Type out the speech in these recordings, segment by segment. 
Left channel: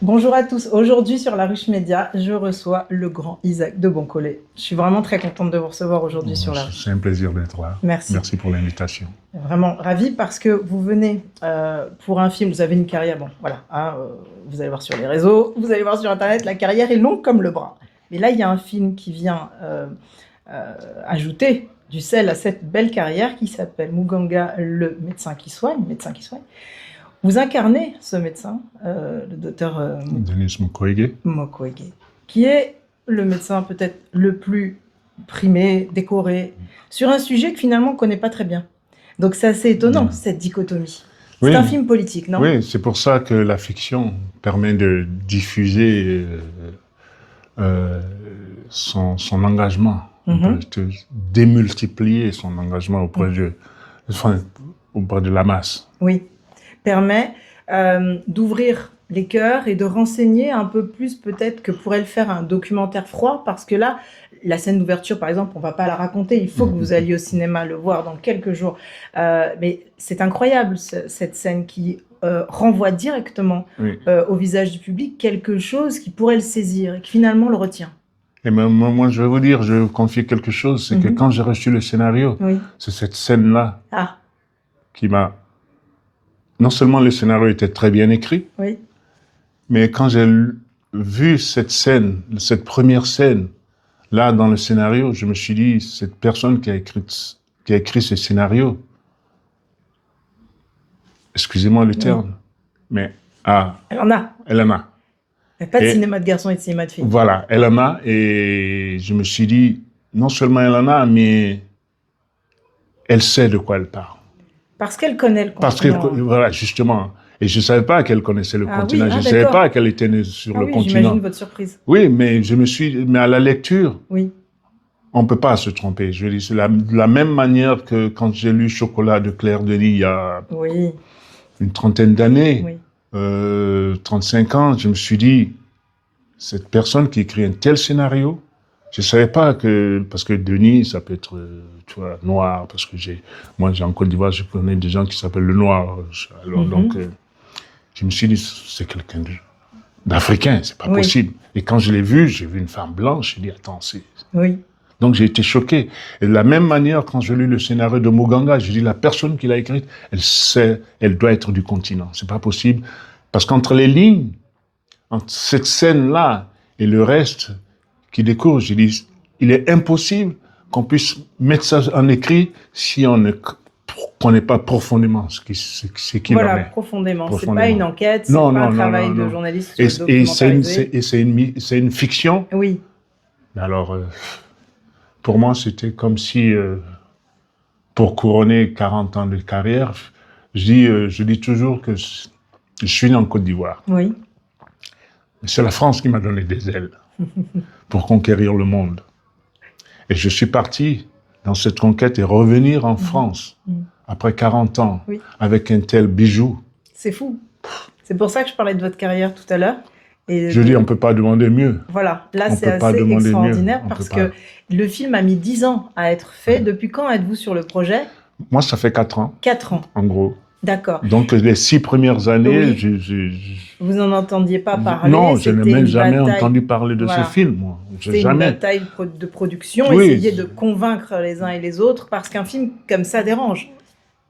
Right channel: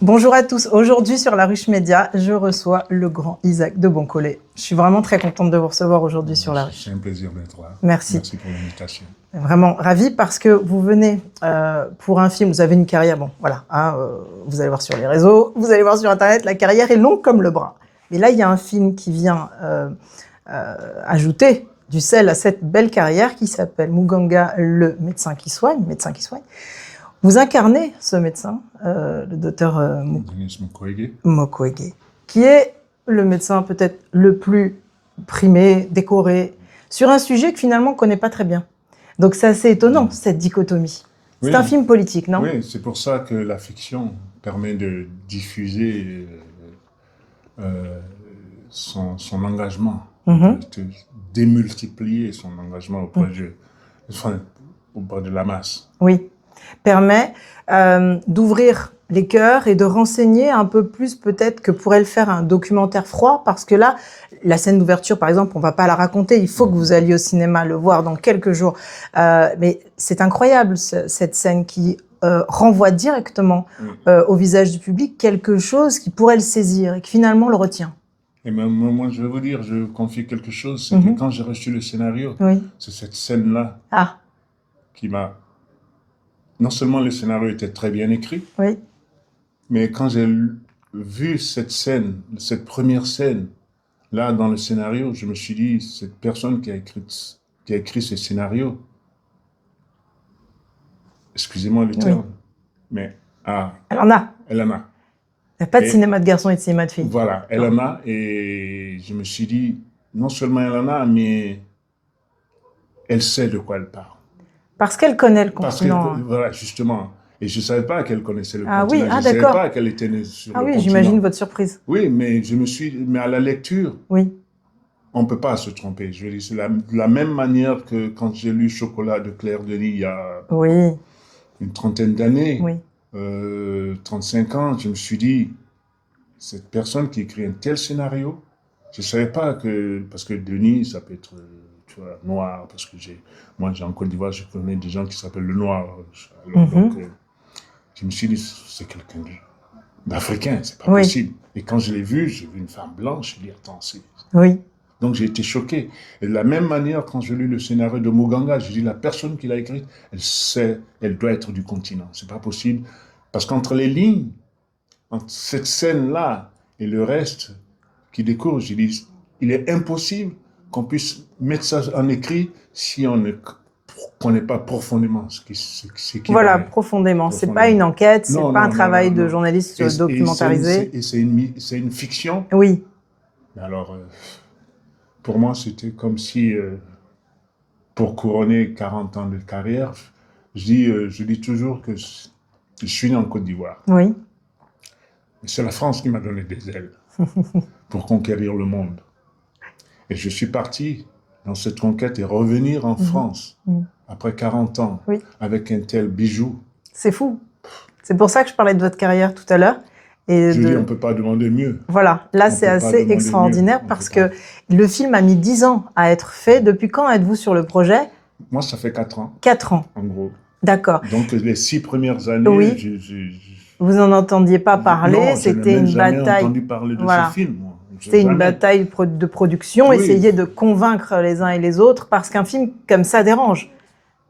Bonjour à tous. Aujourd'hui sur La Ruche Média, je reçois le grand Isaac de Boncolé. Je suis vraiment très contente de vous recevoir aujourd'hui sur La Ruche. C'est un plaisir d'être là. Merci. Merci pour l'invitation. Vraiment ravie parce que vous venez pour un film, vous avez une carrière, bon voilà, hein, vous allez voir sur les réseaux, vous allez voir sur Internet, la carrière est longue comme le bras. Mais là, il y a un film qui vient ajouter du sel à cette belle carrière qui s'appelle Muganga, le médecin qui soigne, Vous incarnez ce médecin, le docteur Denis Mukwege. Mukwege, qui est le médecin peut-être le plus primé, décoré, sur un sujet que finalement on ne connaît pas très bien. Donc c'est assez étonnant, cette dichotomie. C'est un film politique, non? Oui, c'est pour ça que la fiction permet de diffuser son engagement, de démultiplier son engagement auprès de la masse. Oui, permet d'ouvrir les cœurs et de renseigner un peu plus peut-être que pourrait le faire un documentaire froid, parce que là, la scène d'ouverture, par exemple, on ne va pas la raconter, il faut que vous alliez au cinéma le voir dans quelques jours. Mais c'est incroyable, cette scène qui renvoie directement au visage du public quelque chose qui pourrait le saisir et qui finalement le retient. Et moi, je vais vous dire, je vais vous confier quelque chose, c'est que quand j'ai reçu le scénario, c'est cette scène-là qui m'a... Non seulement le scénario était très bien écrit, mais quand j'ai vu cette scène, cette première scène, là, dans le scénario, je me suis dit, cette personne qui a écrit ce scénario, excusez-moi le terme, mais elle en a. Elle en a. Il n'y a pas de cinéma de garçon et de cinéma de filles. Voilà, elle en a, et je me suis dit, non seulement elle en a, mais elle sait de quoi elle parle. Parce qu'elle connaît le continent. Parce que, voilà, justement. Et je ne savais pas qu'elle connaissait le continent. Je ne savais pas qu'elle était née sur le continent. J'imagine votre surprise. Oui, mais mais à la lecture, on ne peut pas se tromper. Je veux dire, c'est de la même manière que quand j'ai lu Chocolat de Claire Denis il y a une trentaine d'années, 35 ans, je me suis dit, cette personne qui écrit un tel scénario, je ne savais pas que, parce que Denis, ça peut être, tu vois, noir, parce que moi, en Côte d'Ivoire, je connais des gens qui s'appellent le noir. Alors, donc, je me suis dit, c'est quelqu'un d'africain, c'est pas possible. Et quand je l'ai vu, j'ai vu une femme blanche, j'ai dit, attends, c'est... Donc, j'ai été choqué. Et de la même manière, quand j'ai lu le scénario de Muganga, j'ai dit, la personne qui l'a écrite, elle sait, elle doit être du continent. C'est pas possible. Parce qu'entre les lignes, entre cette scène-là et le reste qui découle, j'ai dit, il est impossible qu'on puisse mettre ça en écrit si on ne connaît pas profondément ce qui Voilà, profondément. C'est pas une enquête, c'est pas un travail de journaliste documentarisé. Et c'est une fiction. Oui. Alors, pour moi, c'était comme si, pour couronner 40 ans de carrière, je dis toujours que je suis né en Côte d'Ivoire. Oui. C'est la France qui m'a donné des ailes pour conquérir le monde. Et je suis parti dans cette conquête et revenir en France après 40 ans avec un tel bijou. C'est fou. C'est pour ça que je parlais de votre carrière tout à l'heure. Je dis, on ne peut pas demander mieux. Voilà, là c'est assez extraordinaire parce que le film a mis 10 ans à être fait. Depuis quand êtes-vous sur le projet? Moi, ça fait 4 ans. 4 ans. En gros. D'accord. Donc, les 6 premières années, vous n'en entendiez pas parler? Non, je n'ai même jamais entendu parler de ce film, moi. C'est une bataille de production, essayer de convaincre les uns et les autres, parce qu'un film comme ça dérange.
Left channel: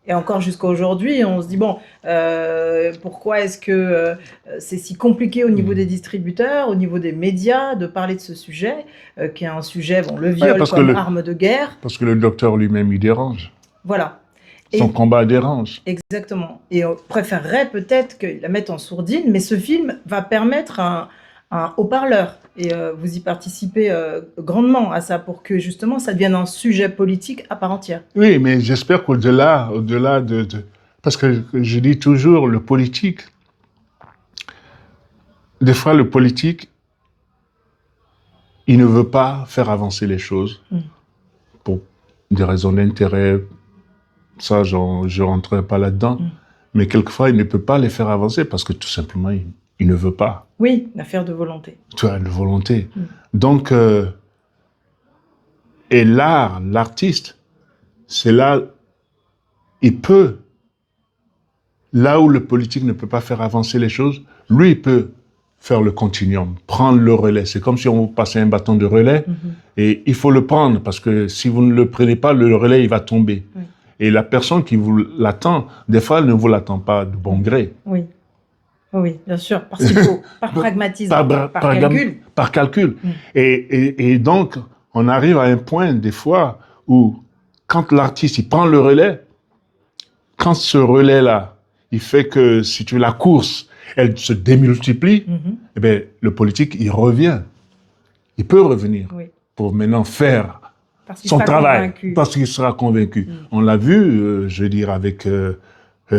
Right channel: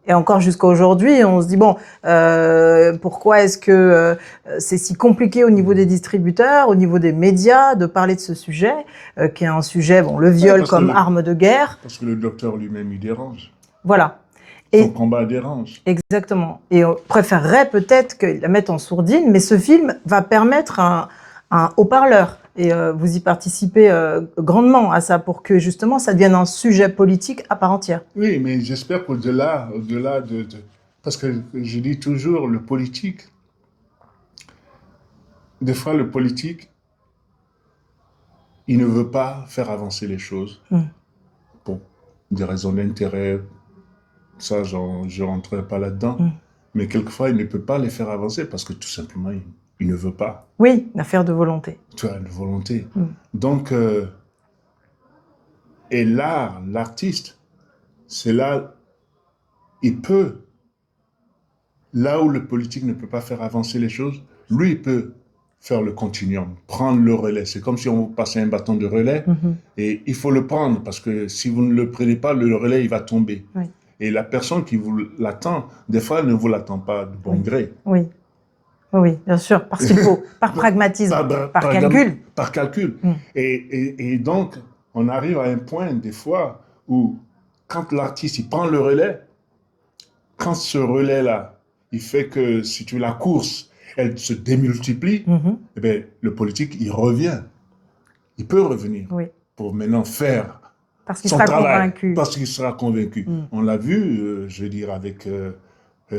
Et encore jusqu'à aujourd'hui, on se dit, bon, pourquoi est-ce que c'est si compliqué au niveau des distributeurs, au niveau des médias, de parler de ce sujet, qui est un sujet, bon, le viol comme arme de guerre. Parce que le docteur lui-même, il dérange. Voilà. Son combat dérange. Exactement. Et on préférerait peut-être qu'il la mette en sourdine, mais ce film va permettre un haut-parleur. Et vous y participez grandement à ça pour que justement ça devienne un sujet politique à part entière. Oui, mais j'espère qu'au-delà de... Parce que je dis toujours, le politique, des fois le politique, il ne veut pas faire avancer les choses pour des raisons d'intérêt. Ça, je ne rentrerai pas là-dedans. Mais quelquefois, il ne peut pas les faire avancer parce que tout simplement, il ne veut pas. Oui, une affaire de volonté. Tu vois, de volonté. Donc, et l'artiste, c'est là, il peut, là où le politique ne peut pas faire avancer les choses, lui, il peut faire le continuum, prendre le relais. C'est comme si on vous passait un bâton de relais et il faut le prendre parce que si vous ne le prenez pas, le relais, il va tomber. Oui. Et la personne qui vous l'attend, des fois, elle ne vous l'attend pas de bon gré. Oui. Oui, bien sûr, parce qu'il faut, par pragmatisme, par calcul. Par calcul. Et donc, on arrive à un point, des fois, où quand l'artiste, il prend le relais, quand ce relais-là, il fait que, si tu veux, la course, elle se démultiplie, eh bien, le politique, il revient. Il peut revenir pour maintenant faire son travail. Parce qu'il sera convaincu. On l'a vu, je veux dire, avec...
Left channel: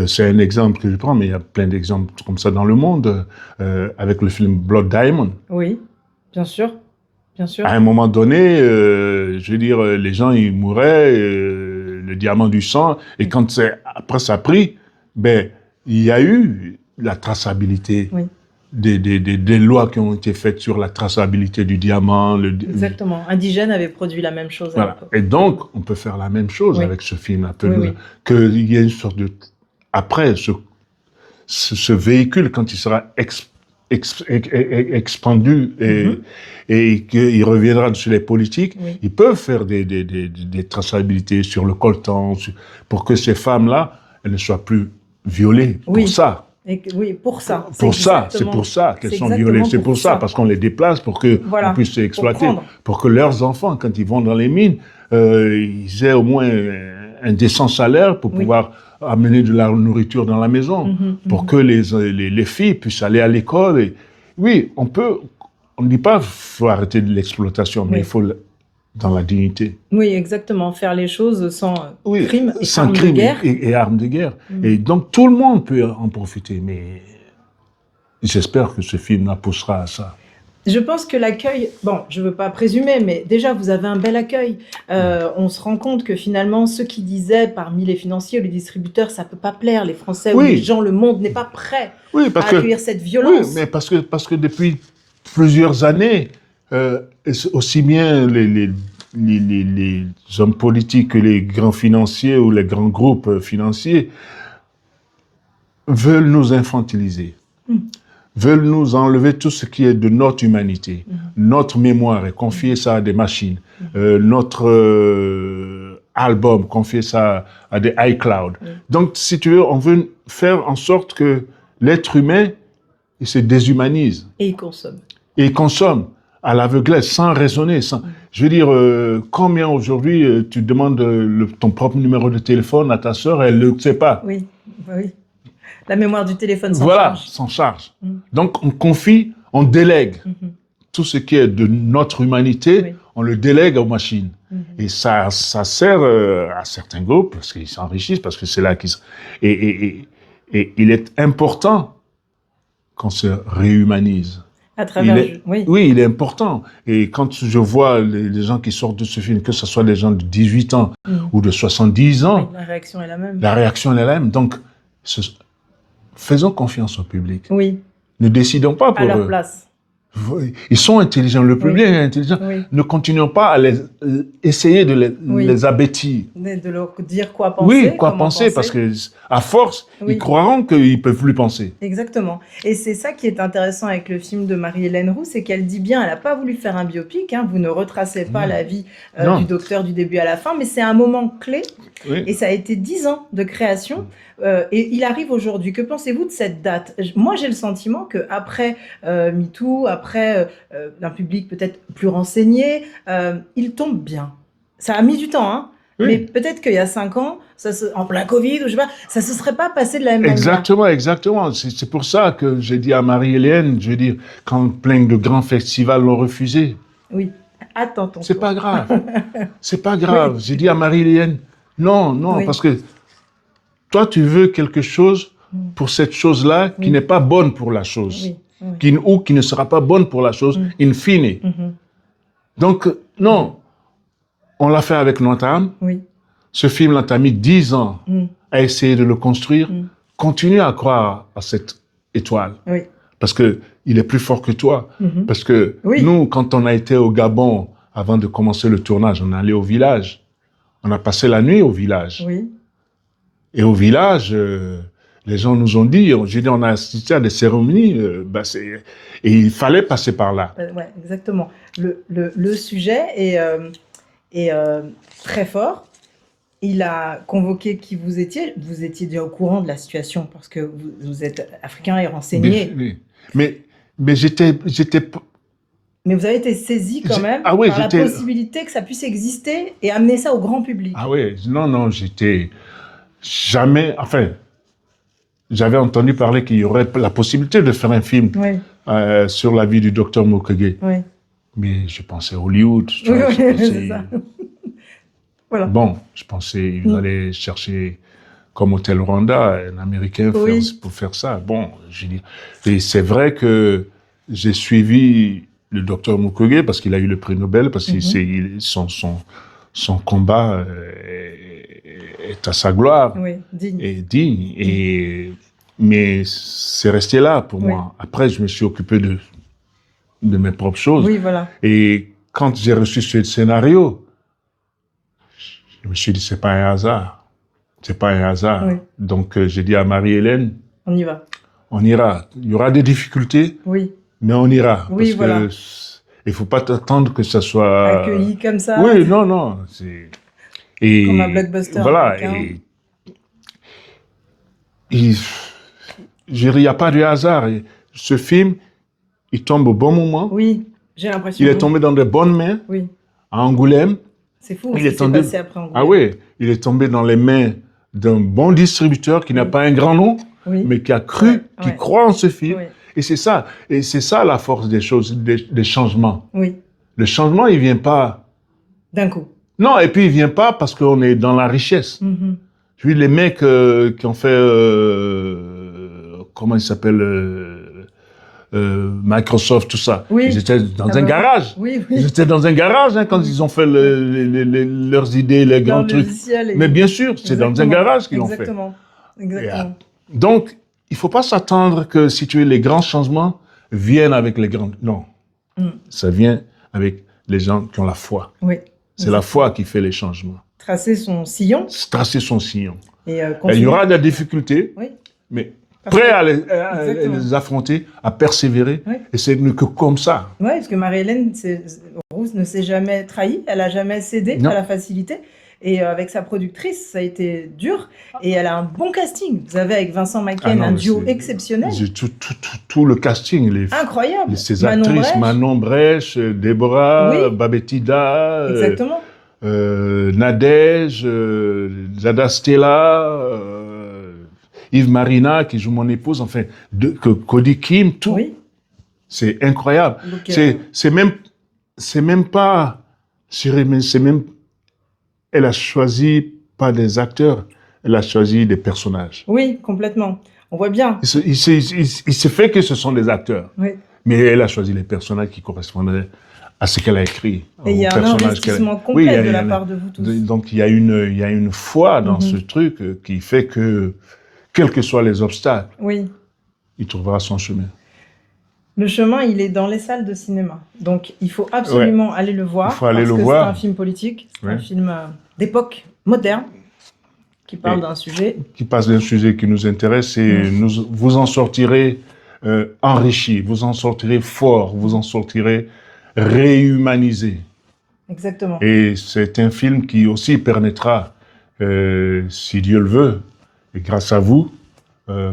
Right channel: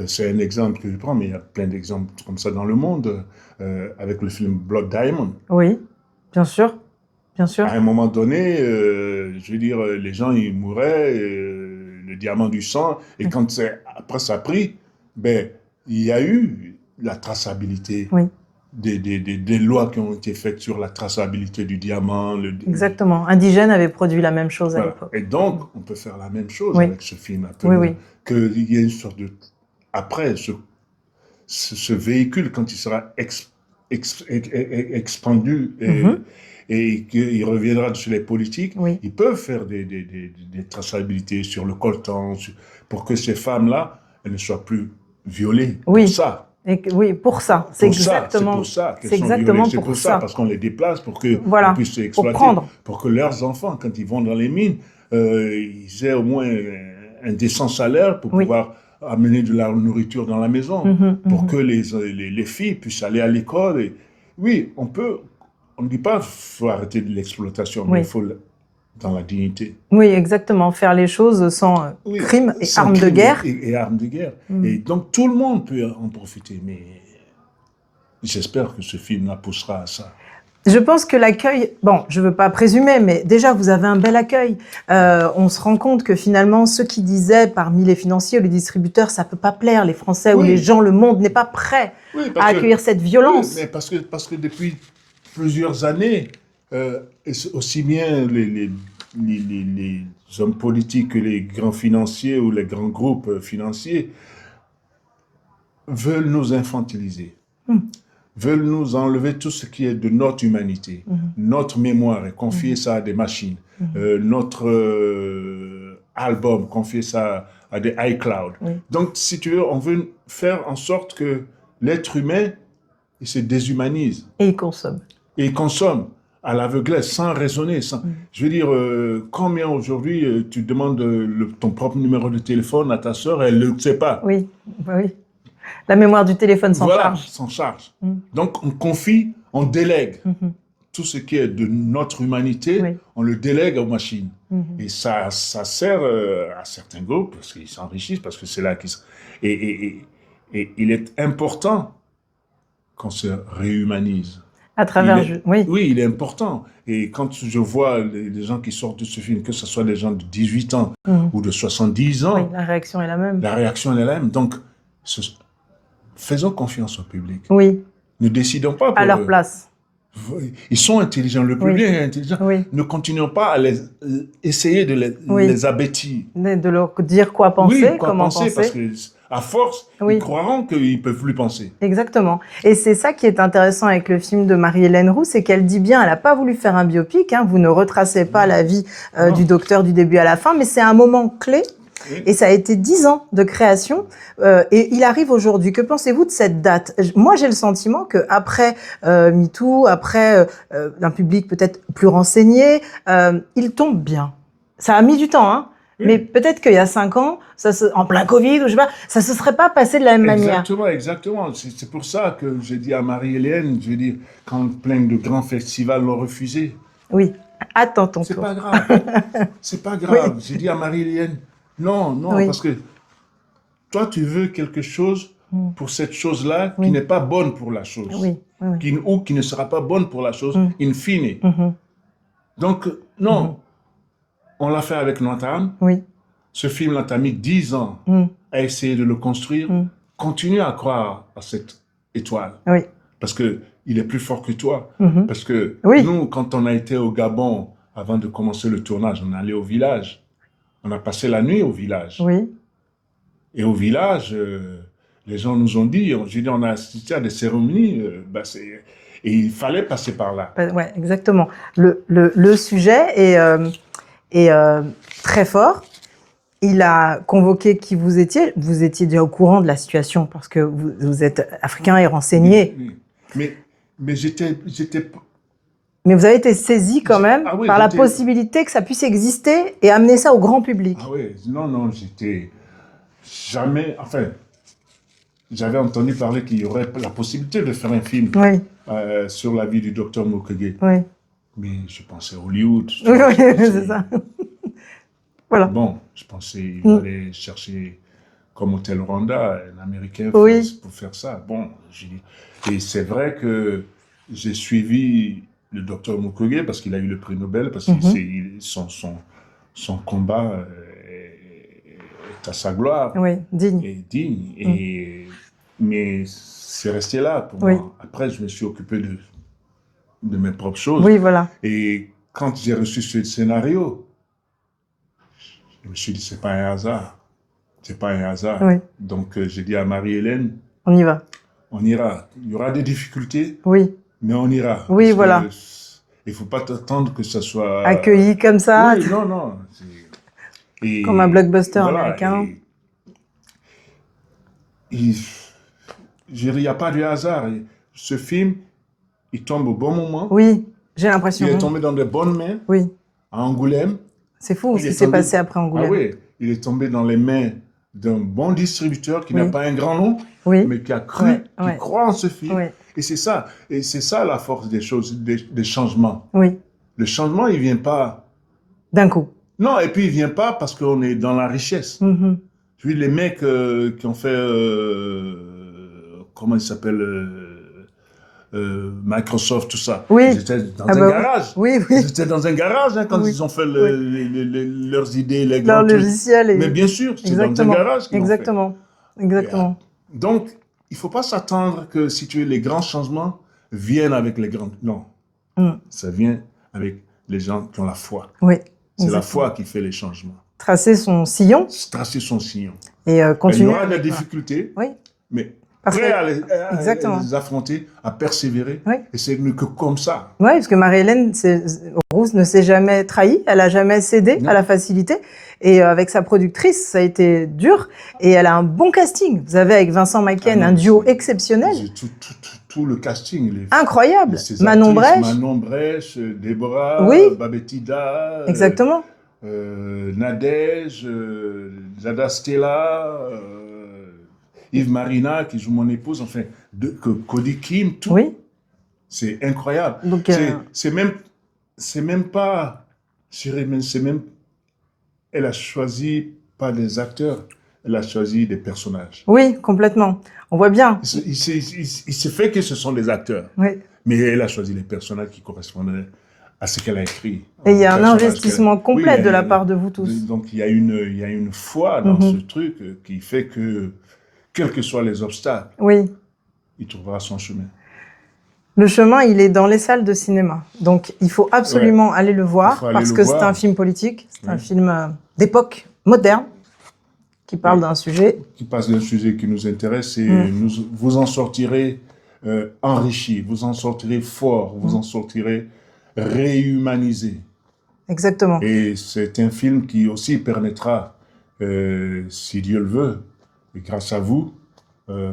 c'est un exemple que je prends, mais il y a plein d'exemples comme ça dans le monde, avec le film Blood Diamond. Oui, bien sûr, bien sûr. À un moment donné, je veux dire, les gens, ils mouraient, le diamant du sang, et quand après ça a pris, ben, il y a eu la traçabilité des lois qui ont été faites sur la traçabilité du diamant. Exactement. Indigène avait produit la même chose à l'époque. Et donc, on peut faire la même chose avec ce film. Qu'il y ait une sorte de... Après, ce véhicule, quand il sera expandu et qu'il reviendra sur les politiques, ils peuvent faire des traçabilités sur le coltan pour que ces femmes-là, elles ne soient plus violées pour ça. Pour ça. C'est pour ça qu'elles sont violées. C'est pour ça, parce qu'on les déplace pour qu'on puisse les exploiter. Pour que leurs enfants, quand ils vont dans les mines, ils aient au moins un décent salaire pour pouvoir amener de la nourriture dans la maison, pour que les filles puissent aller à l'école. Et, oui, on ne dit pas qu'il faut arrêter de l'exploitation, mais il faut dans la dignité. Oui, exactement, faire les choses sans crime et armes de guerre. Et armes de guerre. Et donc tout le monde peut en profiter, mais j'espère que ce film poussera à ça. Je pense que l'accueil, bon, je ne veux pas présumer, mais déjà, vous avez un bel accueil. On se rend compte que finalement, ceux qui disaient parmi les financiers ou les distributeurs, ça ne peut pas plaire, les Français ou les gens, le monde n'est pas prêt à accueillir cette violence. Oui, mais parce que depuis plusieurs années, aussi bien les hommes politiques que les grands financiers ou les grands groupes financiers veulent nous infantiliser. Veulent nous enlever tout ce qui est de notre humanité, notre mémoire, et confier ça à des machines, notre album, confier ça à des iCloud. Donc, si tu veux, on veut faire en sorte que l'être humain, il se déshumanise. Et il consomme. Et il consomme à l'aveuglette, sans raisonner. Je veux dire, combien aujourd'hui tu demandes ton propre numéro de téléphone à ta sœur, elle ne le sait pas. Oui. La mémoire du téléphone s'en charge. Voilà, s'en charge. Donc, on confie, on délègue. Tout ce qui est de notre humanité, on le délègue aux machines. Et ça sert à certains groupes, parce qu'ils s'enrichissent, parce que c'est là qu'ils... Et il est important qu'on se réhumanise. À travers... Oui, il est important. Et quand je vois les gens qui sortent de ce film, que ce soit des gens de 18 ans ou de 70 ans... la réaction est la même. La réaction est la même. Donc, faisons confiance au public. Oui. Ne décidons pas pour à leur place. Ils sont intelligents, le public est intelligent. Ne continuons pas à essayer de les abêtir. De leur dire quoi penser. Oui, quoi penser, parce qu'à force, ils croiront qu'ils ne peuvent plus penser. Exactement. Et c'est ça qui est intéressant avec le film de Marie-Hélène Roux, c'est qu'elle dit bien, elle n'a pas voulu faire un biopic, vous ne retracez pas la vie du docteur du début à la fin, mais c'est un moment clé. Et ça a été 10 ans de création et il arrive aujourd'hui. Que pensez-vous de cette date? Moi, j'ai le sentiment qu'après MeToo, après un public peut-être plus renseigné, il tombe bien. Ça a mis du temps, mais peut-être qu'il y a 5 ans, en plein Covid, ou je sais pas, ça se serait pas passé de la même manière. Exactement. C'est pour ça que j'ai dit à Marie-Hélène, je veux dire, quand plein de grands festivals l'ont refusé. Oui, attends ton tour. C'est pas grave. C'est pas grave. J'ai dit à Marie-Hélène, non, parce que toi, tu veux quelque chose pour cette chose-là qui n'est pas bonne pour la chose, ou qui ne sera pas bonne pour la chose, in fine. Donc, non, on l'a fait avec notre âme. Ce film-là, tu as mis 10 ans à essayer de le construire. Continue à croire à cette étoile, parce qu'il est plus fort que toi. Parce que nous, quand on a été au Gabon, avant de commencer le tournage, on est allé au village. On a passé la nuit au village. Et au village, Les gens nous ont dit, j'ai dit, on a assisté à des cérémonies, et il fallait passer par là. Oui, exactement. Le sujet est très fort. Il a convoqué qui vous étiez. Vous étiez déjà au courant de la situation parce que vous êtes africain et renseigné. Mais j'étais... Mais vous avez été saisi quand même par la possibilité que ça puisse exister et amener ça au grand public. Ah oui, non, j'étais jamais... Enfin, j'avais entendu parler qu'il y aurait la possibilité de faire un film sur la vie du docteur Mukwege. Oui. Mais je pensais Hollywood. Oui, c'est ça. Voilà. Bon, je pensais qu'il allait chercher comme Hôtel Rwanda, un Américain pour faire ça. Bon, et c'est vrai que j'ai suivi le docteur Mukwege parce qu'il a eu le prix Nobel, parce que son combat est à sa gloire. Oui, digne. Et digne. Mais c'est resté là pour moi. Après, je me suis occupé de mes propres choses. Oui, voilà. Et quand j'ai reçu ce scénario, je me suis dit, c'est pas un hasard. C'est pas un hasard. Oui. Donc, j'ai dit à Marie-Hélène, on y va. On ira. Il y aura des difficultés. Oui. Mais on ira. Oui, voilà. Il ne faut pas t'attendre que ça soit... accueilli comme ça. Oui, non. Et comme un blockbuster. Voilà. Il n'y a pas de hasard. Ce film, il tombe au bon moment. Oui, j'ai l'impression. Il est tombé dans de bonnes mains. Oui. À Angoulême. C'est fou ce qui s'est passé après Angoulême. Ah oui, il est tombé dans les mains d'un bon distributeur qui n'a pas un grand nom, mais qui a cru, qui croit en ce film. Oui. Et c'est ça la force des choses, des changements. Oui. Le changement, il vient pas d'un coup. Non, et puis il vient pas parce qu'on est dans la richesse. Je veux dire, les mecs qui ont fait, comment il s'appelle, Microsoft, tout ça. Ils étaient dans un garage. Ils étaient dans un garage quand ils ont fait leurs idées, les grands trucs. Mais bien sûr, c'est dans un garage qu'ils l'ont fait. Exactement. Donc, il ne faut pas s'attendre que si tu veux, les grands changements viennent avec les grands... Non. Ça vient avec les gens qui ont la foi. C'est la foi qui fait les changements. Tracer son sillon. Tracer son sillon. Et il y aura des difficultés, mais prêt à les affronter, à persévérer. Et c'est que comme ça. Oui, parce que Marie-Hélène Rousse ne s'est jamais trahie, elle n'a jamais cédé à la facilité. Et avec sa productrice, ça a été dur. Et elle a un bon casting. Vous avez avec Vincent Macken un duo exceptionnel. Tout le casting. Incroyable. Manon Brèche, Déborah, Babetida. Exactement. Nadège, Zada Stella, Yves Marina, qui joue mon épouse, enfin, Cody Kim, tout. Oui. C'est incroyable. C'est même pas... Elle a choisi pas des acteurs, elle a choisi des personnages. Oui, complètement. On voit bien. Il se fait que ce sont des acteurs. Oui. Mais elle a choisi les personnages qui correspondraient à ce qu'elle a écrit. Et il y a un investissement complet de la part de vous tous. Donc il y a une foi dans ce truc qui fait que, quels que soient les obstacles, il trouvera son chemin. Le chemin, il est dans les salles de cinéma. Donc, il faut absolument aller le voir parce que c'est un film politique, c'est un film d'époque moderne qui parle d'un sujet. Qui parle d'un sujet qui nous intéresse et vous en sortirez enrichi, vous en sortirez fort, vous en sortirez réhumanisé. Exactement. Et c'est un film qui aussi permettra, si Dieu le veut, et grâce à vous,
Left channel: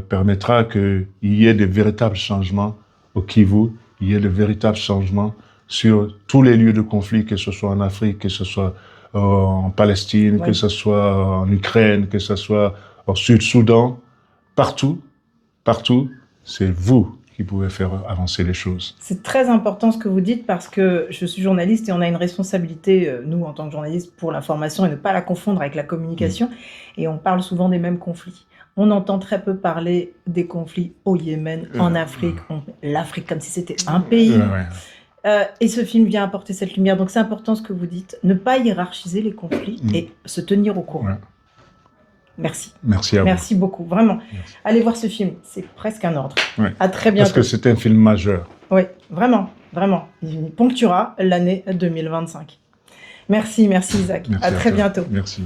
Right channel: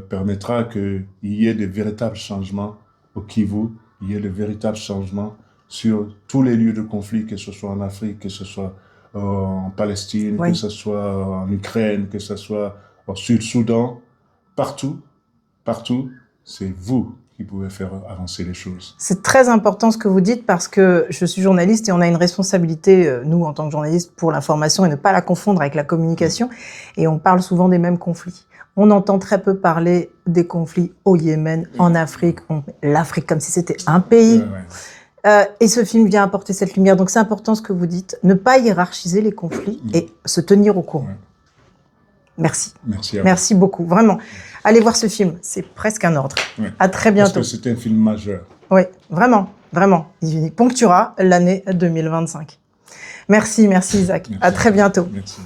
permettra qu'il y ait de véritables changements au Kivu, il y ait de véritables changements sur tous les lieux de conflit, que ce soit en Afrique, que ce soit en Palestine, que ce soit en Ukraine, que ce soit au Sud-Soudan, partout, c'est vous qui pouvez faire avancer les choses. C'est très important ce que vous dites parce que je suis journaliste et on a une responsabilité, nous, en tant que journalistes, pour l'information et ne pas la confondre avec la communication. Et on parle souvent des mêmes conflits. On entend très peu parler des conflits au Yémen, en Afrique, l'Afrique comme si c'était un pays. Et ce film vient apporter cette lumière. Donc c'est important ce que vous dites, ne pas hiérarchiser les conflits et se tenir au courant. Merci. Merci à vous. Merci beaucoup, vraiment. Merci. Allez voir ce film, c'est presque un ordre. À très bientôt. Parce que c'est un film majeur. Oui, vraiment, vraiment. Il ponctuera l'année 2025. Merci Isaac. Merci à très bientôt. Merci.